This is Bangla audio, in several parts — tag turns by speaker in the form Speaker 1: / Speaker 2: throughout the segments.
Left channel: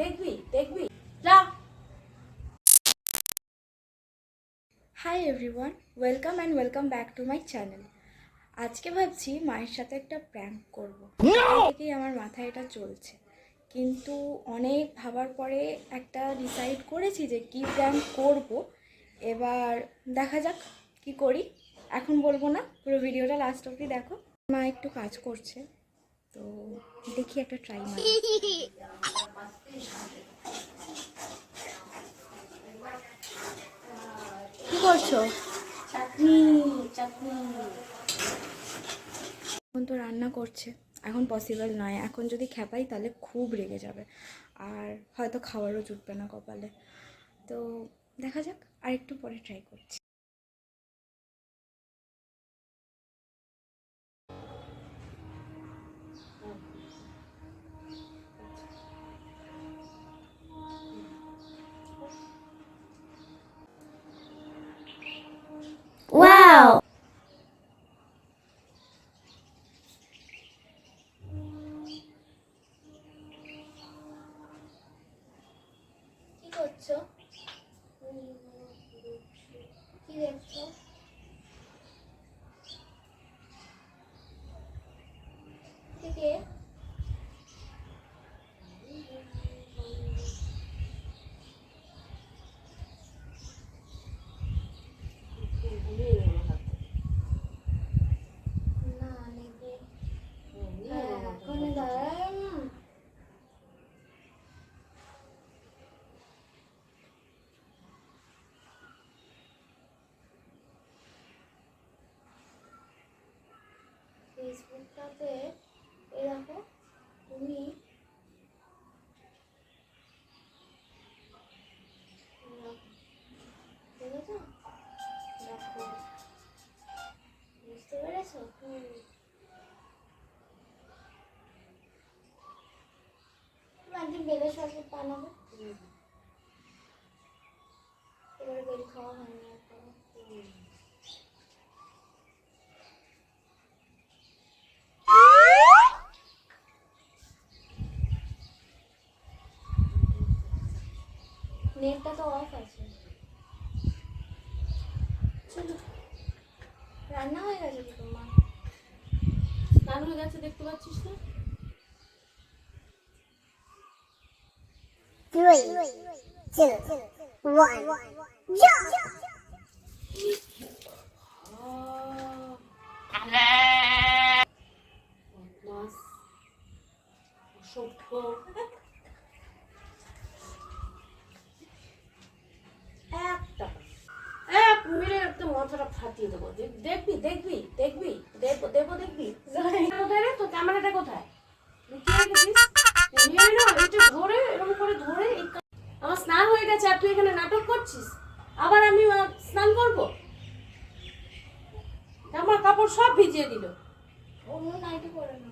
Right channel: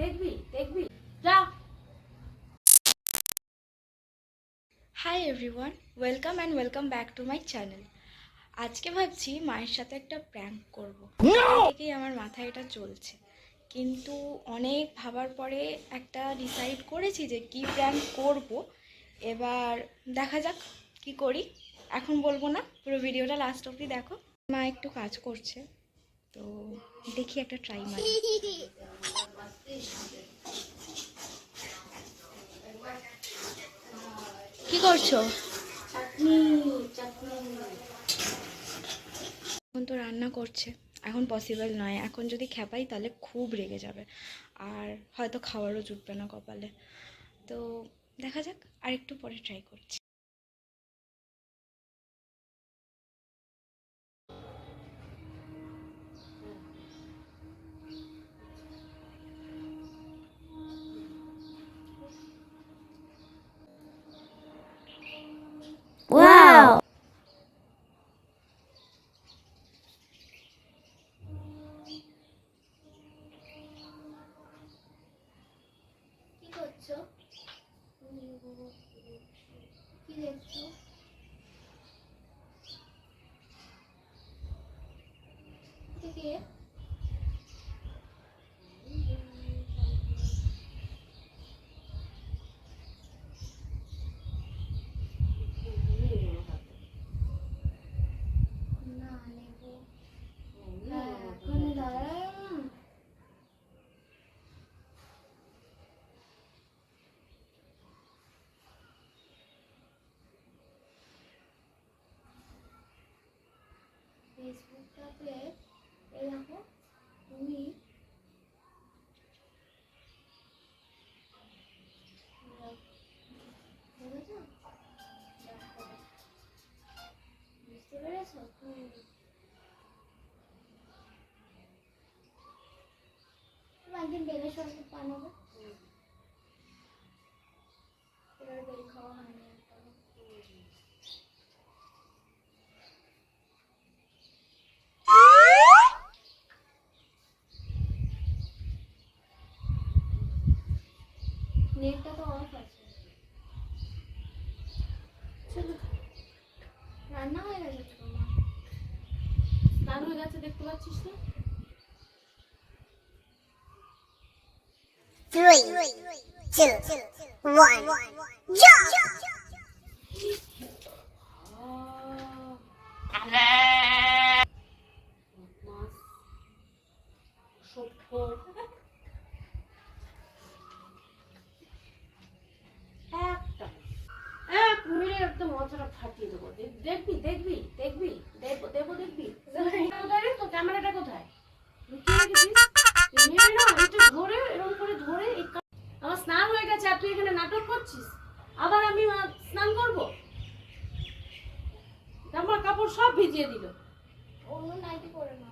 Speaker 1: দেখবি দেখবি। যা।
Speaker 2: Hi everyone welcome and welcome back to my channel আজকে ভাবছি মায়ের সাথে একটা প্র্যাঙ্ক করব। থেকেই আমার মাথায় এটা চলছে। কিন্তু অনেক ভাবার পরে একটা ডিসাইড করেছি যে কি প্র্যাঙ্ক করব। এবার দেখা যাক কি করি। এখন বলব না পুরো ভিডিওটা লাস্ট অবধি দেখো। মা একটু কাজ করছে তো দেখি একটা ট্রাই মারি। করছ? এখন তো রান্না করছে। এখন পসিবল নয়। এখন যদি খেপাই তাহলে খুব রেগে যাবে। আর হয়তো খাওয়ারও জুটবে না কপালে। তো দেখা যাক আর একটু পরে ট্রাই করছি।
Speaker 1: করছ কি দেখছ? কে না নেব হ্যাঁ ওখানে দাঁড়ায় ফেসবুকটাতে এই দেখো তুমি বুঝতে পেরেছ? একদিন বেলের শরবত বানাবো। এবারে বেল খাওয়া হয়নি এখনও নেটটা তো অফ আছে। চলো রান্না হয়ে গেছে তো তোমার স্নান হয়ে গেছে দেখতে পাচ্ছিস না
Speaker 3: Three, two, one, jump!
Speaker 1: ফাটিয়ে দেবো। দেখবি দেখবি দেখবি দেবো দেবো দেখবি। কোথায় রে? তো ক্যামেরাটা কোথায়? ধরে এরকম করে ধরে আমার স্নান হয়ে গেছে আর তুই এখানে নাটক করছিস? আবার আমি স্নান করব? জামা কাপড় সব ভিজিয়ে দিল। অন্য নাইটি পরে না।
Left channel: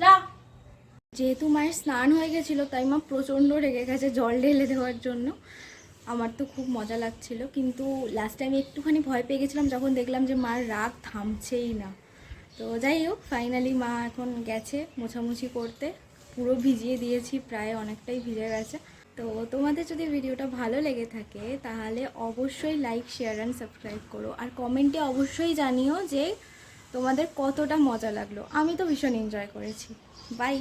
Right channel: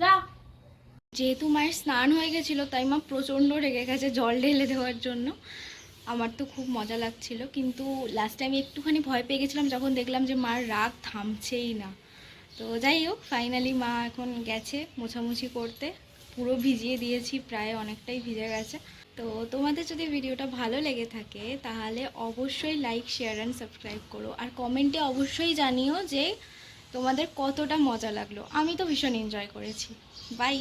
Speaker 1: যা।
Speaker 2: যেহেতু মায়ের স্নান হয়ে গেছিল তাই মা প্রচণ্ড রেগে গেছে জল ঢেলে দেওয়ার জন্য। আমার তো খুব মজা লাগছিল, কিন্তু লাস্টে আমি একটুখানি ভয় পেয়ে গেছিলাম যখন দেখলাম যে মার রাগ থামছেই না। তো যাই হোক ফাইনালি মা এখন গেছে মোছামুছি করতে। পুরো ভিজিয়ে দিয়েছি, প্রায় অনেকটাই ভিজে গেছে। তো তোমাদের যদি ভিডিওটা ভালো লেগে থাকে, তাহলে অবশ্যই লাইক শেয়ার অ্যান্ড সাবস্ক্রাইব করো। আর কমেন্টে অবশ্যই জানিও যে তোমাদের কতটা মজা লাগল। আমি তো ভীষণ এনজয় করেছি। বাই